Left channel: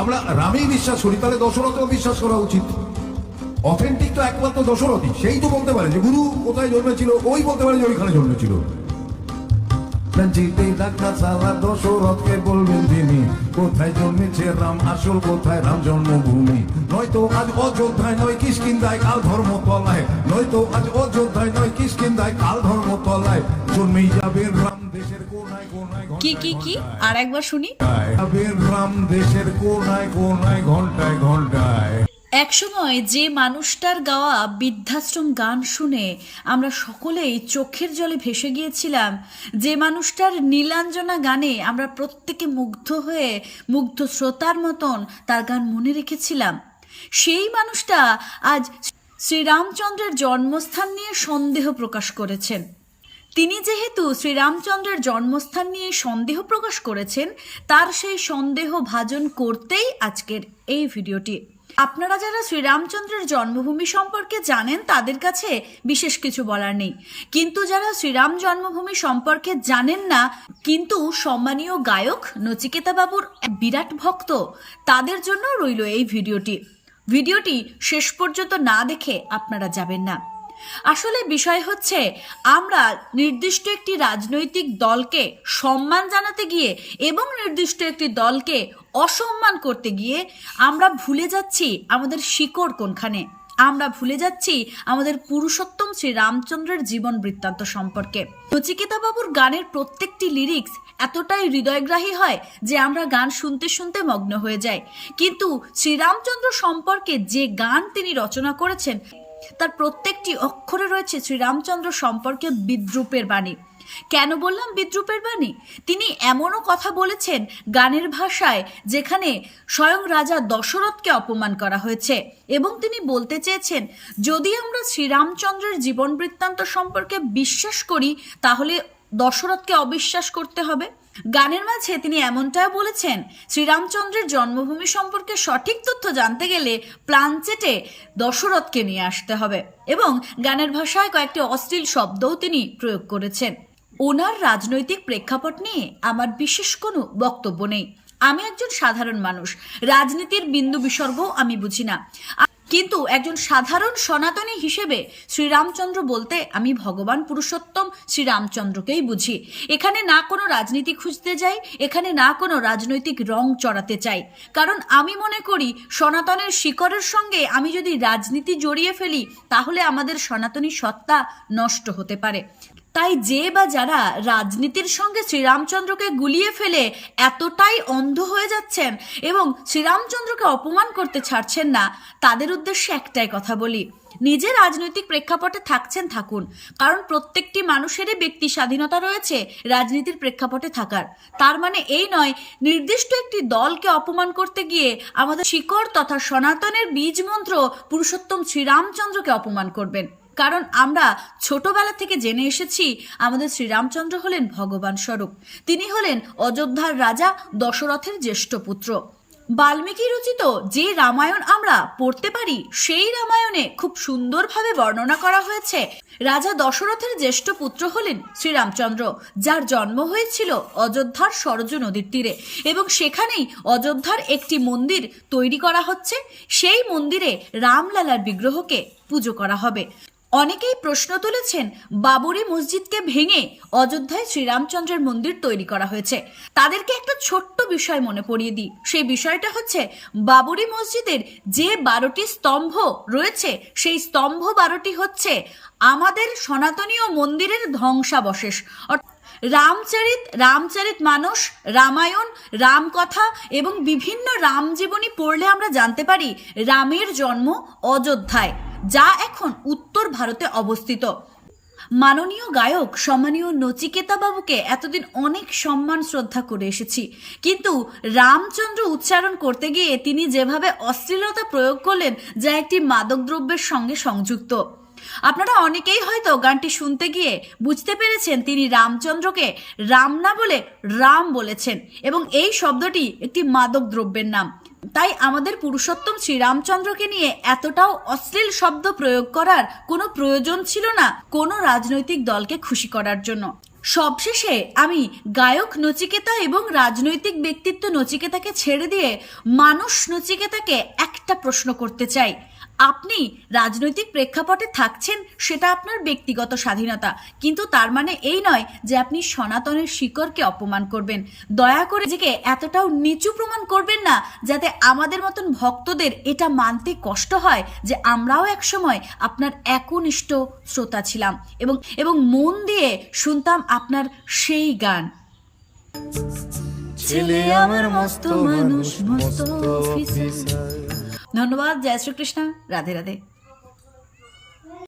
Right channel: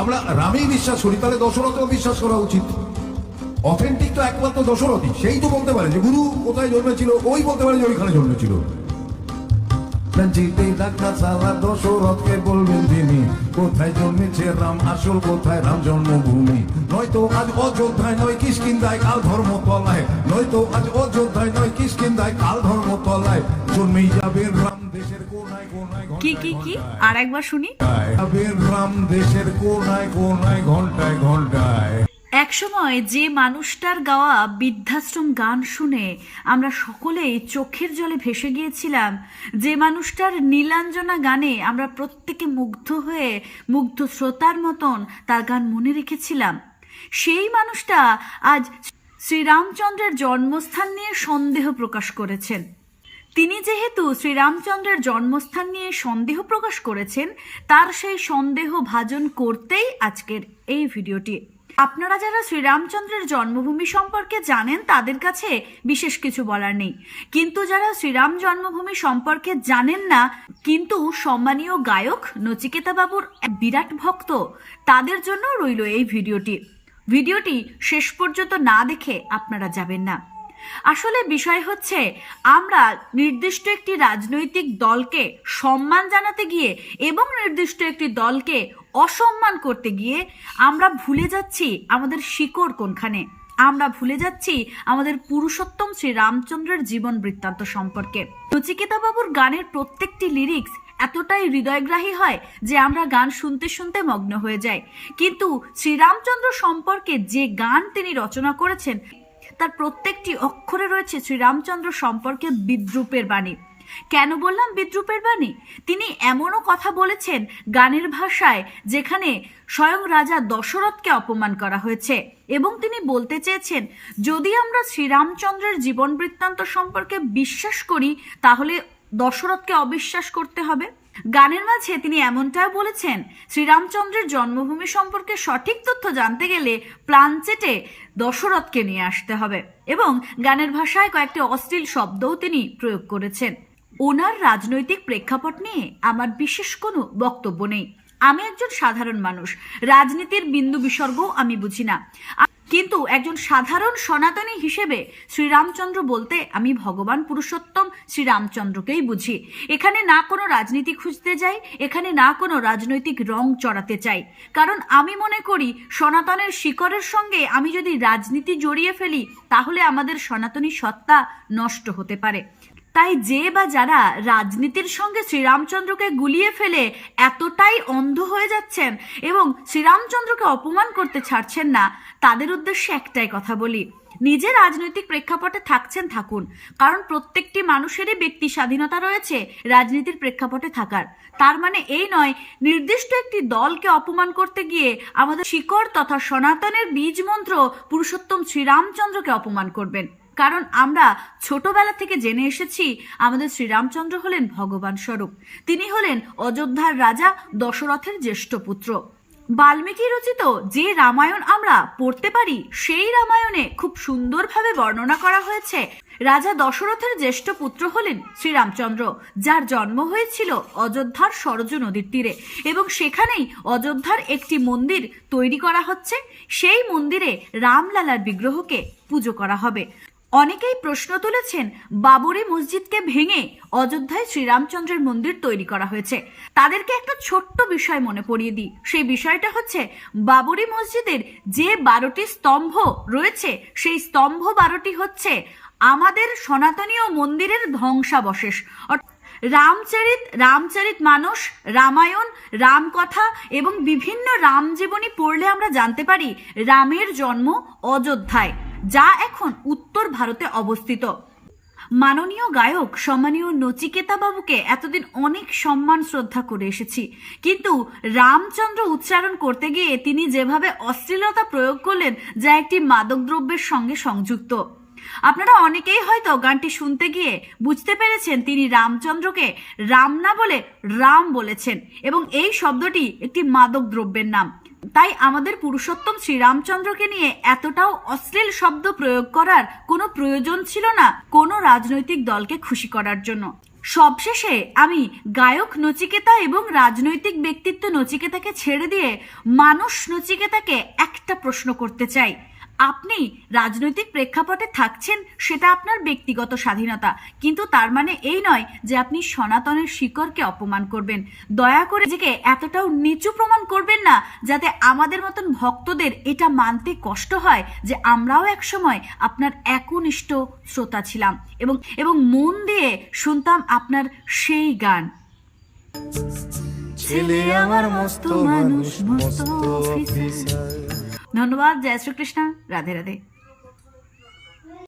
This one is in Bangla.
আমরা রামেই বিশ্বাস করি, তাহলে দশরথেও বিশ্বাস করা উচিত। অথেন্টিক তো একমাত্র দশরথই, সেই তো বলতে পারে যে গুরু কোথায় জন্মেছিল, ওই বলতে পারে যে ওইখানে জন্মেছিল। ডাক্তার সালা দশরথকে বলবেন তিনি, কোথায় জন্মেছে রাম আসল, কোথায় রাম জন্মভূমি? নয়তো আজ অযোধ্যায় নয় কিসকিন্দায় কাল ধর্মতলায়, নয়তো আজ কি কি কি? আর একবার শুনি। রাম দেশের কোনায় কোনায় ঘন্টায় ঘন্টায় একসময় যে মানুষটার গাওয়া বৃদ্ধাশ্রম গান শুনে আমরা সকলেই চোখের জলে ভেসে গিয়েছিলাম, যে মানুষটার নীলাঞ্জনা গানে আমরা প্রত্যেকে মুগ্ধ হয়ে মুগ্ধ শ্রোতার মতন তার গান মনে রেখেছিলাম। সেই মানুষটা আজ শ্রীরামচন্দ্রের জন্মস্থান নিয়ে সন্দেহ প্রকাশ করেছেন। তিনি যেহেতু শ্রীরামচন্দ্রের জন্মস্থান নিয়ে সন্দেহ প্রকাশ করেছেন, তার সেই সন্দেহ ভাজন করতেই আজকের এই ভিডিওটি। আপনারা যারা শ্রীরামচন্দ্রের জন্মভূমি সম্পর্কে জানেন, তাদের কাছে বিশেষ কিছু বলার নেই। কিন্তু যারা শ্রীরাম জন্মভূমি সম্পর্কে জানেন না, কিন্তু সম্মানীয় গায়ক নচিকেতা বাবুর বিরাট ভক্ত, তাদের জন্য রইল এই ভিডিওটি। ভিডিওটি শেষ পর্যন্ত না দেখে আপনারা যাবেন না। আসলে বিষয় হচ্ছে, আমরা নির্দিষ্ট একটি রাজনৈতিক দলকে সম্মান জানাতে গিয়ে এবং নির্দিষ্ট একটি দলকে অসম্মান করতে গিয়ে আমরা ভুলে যাচ্ছি আমাদের শিকড় কোনখানে। আমরা ভুলে যাচ্ছি আমাদের পুরুষোত্তম শ্রী রামচন্দ্রের জীবন বৃত্তান্ত সম্পর্কে। নচিকেতা বাবুর গানের প্রত্যেকটি লিরিক্স এতটাই হৃদয়গ্রাহী হয় যে আমরা গান শুনতে শুনতে মগ্ন হয়ে যাই। কিন্তু শ্রীরামচন্দ্র সম্পর্কে যে গান তিনি রচনা করেছেন তার প্রত্যেকটি অক্ষরে রয়েছে শ্রীরামচন্দ্র সম্পর্কে বিদ্রুপের বাণী। কেন বললাম বিদ্রুপের বাণী? তিনি এমনও কথা বলেছেন গানের ভাষায় যেখানে স্বয়ং রাজা দশরথকে অপমান করা হয়েছে এবং তিনি বলতে চেয়েছেন, যদি আমরা শ্রীরামচন্দ্রের জীবন বৃত্তান্ত সম্পর্কে বিশ্বাস করি, তাহলে দশরথকে অবিশ্বাস করতে হবে। গানের মাঝে তিনি এমনটাও বলেছেন, শ্রীরামচন্দ্রের জন্মভূমি সম্পর্কে সঠিক তথ্য জানতে গেলে প্লানচেটে দশরথকে নিয়ে আসতে হবে। এবং গানের ভাষায় কয়েকটি অশ্লীল শব্দও তিনি প্রয়োগ করেছেন। ওনার রাজনৈতিক প্রেক্ষাপট নিয়ে আমার বিশেষ কোনো বক্তব্য নেই। আমি একজন সাধারণ মানুষ। রাজনীতির বিন্দু বিসর্গও আমি বুঝি না। কিন্তু একজন সাধারণ সনাতনী হিসেবে শ্রীরামচন্দ্র বলতে আমি ভগবান পুরুষোত্তম শ্রীরামচন্দ্রকেই বুঝি। এখানে না কোনো রাজনীতি খুঁজতে যাই, এখানে না কোনো রাজনৈতিক রং চড়াতে চাই। কারণ আমি মনে করি, সনাতনের শিকড়ের সঙ্গে আমি যদি রাজনীতি জড়িয়ে ফেলি, তাহলে আমাদের সনাতনী সত্তা নষ্ট হতে পারে। তাই যে বা যারা রাজনীতির সঙ্গে শ্রীরামচন্দ্রকে গুলিয়ে ফেলে এতটাই অন্ধ হয়ে যাচ্ছেন এবং শ্রীরামচন্দ্রকে অপমান করতে ছাড়ছেন না, তাদের উদ্দেশ্যে একটাই কথা বলি। নিজে রাজনৈতিক প্রেক্ষাপটে থাকছেন থাকুন, কারণ প্রত্যেকটি মানুষেরই ব্যক্তি স্বাধীনতা রয়েছে রাজনীতির প্রেক্ষাপটে থাকার। তার মানে এই নয়, নির্দিষ্ট একটি দলকে অপমান করতে গিয়ে আমাদের শিকড় তথা সনাতনের বীজ মন্ত্র পুরুষোত্তম শ্রীরামচন্দ্রকে অপমান করবেন। কারণ আমরা ছোটবেলা থেকে জেনে এসেছি আমাদের শ্রীরামচন্দ্র হলেন ভগবান স্বরূপ। তিনি হলেন অযোধ্যার রাজা দশরথের জ্যেষ্ঠ পুত্র। বাল্মীকি রচিত যে রামায়ণ আমরা পড়তে পারি, সেই রামায়ণে খুব সুন্দরভাবে বর্ণনা করা হয়েছে। রাজা দশরথের জ্যেষ্ঠ পুত্র হলেন শ্রীরামচন্দ্র, যার জন্ম হয়েছিল অযোধ্যার সরজু নদীর তীরে এবং সেখানেই অযোধ্যার একটি মন্দির তৈরি করা হচ্ছে। সেই মন্দিরে রামলালার বিগ্রহকে পুজো করা হবে। অনেকেই প্রশ্ন তুলেছেন বাবরি মসজিদকে ভেঙে অযোধ্যায় শ্রীরামচন্দ্রের মন্দির তৈরি করা হয়েছে। তাদেরকে একটা ছোট্ট বিষয় মনে পড়িয়ে দিই। সেই বিষয়টা হচ্ছে বাবরি মসজিদের যে বারোটি স্তম্ভ রয়েছে, সেই স্তম্ভ বারোটি হচ্ছে আমাদের সনাতনীয় মন্দিরের ধ্বংসাবশেষ। অর্থাৎ রামচরিত রামচরিত মানস রামায়ণ, রামকথা এবং বিভিন্ন রামজীবনী পড়লে আমরা জানতে পারি রামের জন্ম অযোধ্যায়, যা এখন উত্তর ভারতে অবস্থিত। মাননীয় গায়ক, সম্মানীয় নচিকেতা বাবুকে এতদিন অনেক সম্মান, শ্রদ্ধা করে এসেছি। কিন্তু রামচন্দ্র উচ্চারণ করতে গিয়ে তিনি যেভাবে অশ্লীলতা প্রয়োগ করলেন, যা একটি মাদকদ্রব্যের সঙ্গে সংযুক্ত। আপনারা অনেকেই হয়তো গানটি শুনতে গিয়ে বুঝতে পেরেছেন তিনি রামচন্দ্রকে রাম না বলে রাম বলেছেন এবং এই শব্দটি একটি মাদক দ্রব্যের নাম। তাই আমাদের পুরুষোত্তম শ্রীরামচন্দ্রকে নিয়ে এতটাও অশ্লীল শব্দ প্রয়োগ করার কোনো প্রয়োজন ছিল না কোনো রাজনৈতিক দলকে খুশি করার জন্য। সবশেষে আমি গায়ক নচিকেতা এবং রাজনৈতিক ব্যক্তিত্ব নচিকেতাকে ছেড়ে দিয়ে মানুষ নচিকেতাকে একটা প্রশ্ন করতে চাই। আপনি রাজনৈতিক প্রেক্ষাপটে থাকছেন, সেটা আপনার ব্যক্তিগত স্বাধীনতা। কিন্তু তার মানে এই নয় যে আপনি সনাতনের শিকড়কে অপমান করবেন। দয়া করে নিজেকে এতটাও নিচু প্রমাণ করবেন না যাতে আমাদের মতন ভক্তদের এটা মানতে কষ্ট হয় যে আমরাও একসময় আপনার একনিষ্ঠ শ্রোতা ছিলাম এবং এবং মন দিয়ে শুনতাম আপনার সেই গান। ছেলে আমার মস্ত মানুষ, মস্ত অফিসার। ধন্যবাদ জয় শ্রীকৃষ্ণ। রাধে রাধে।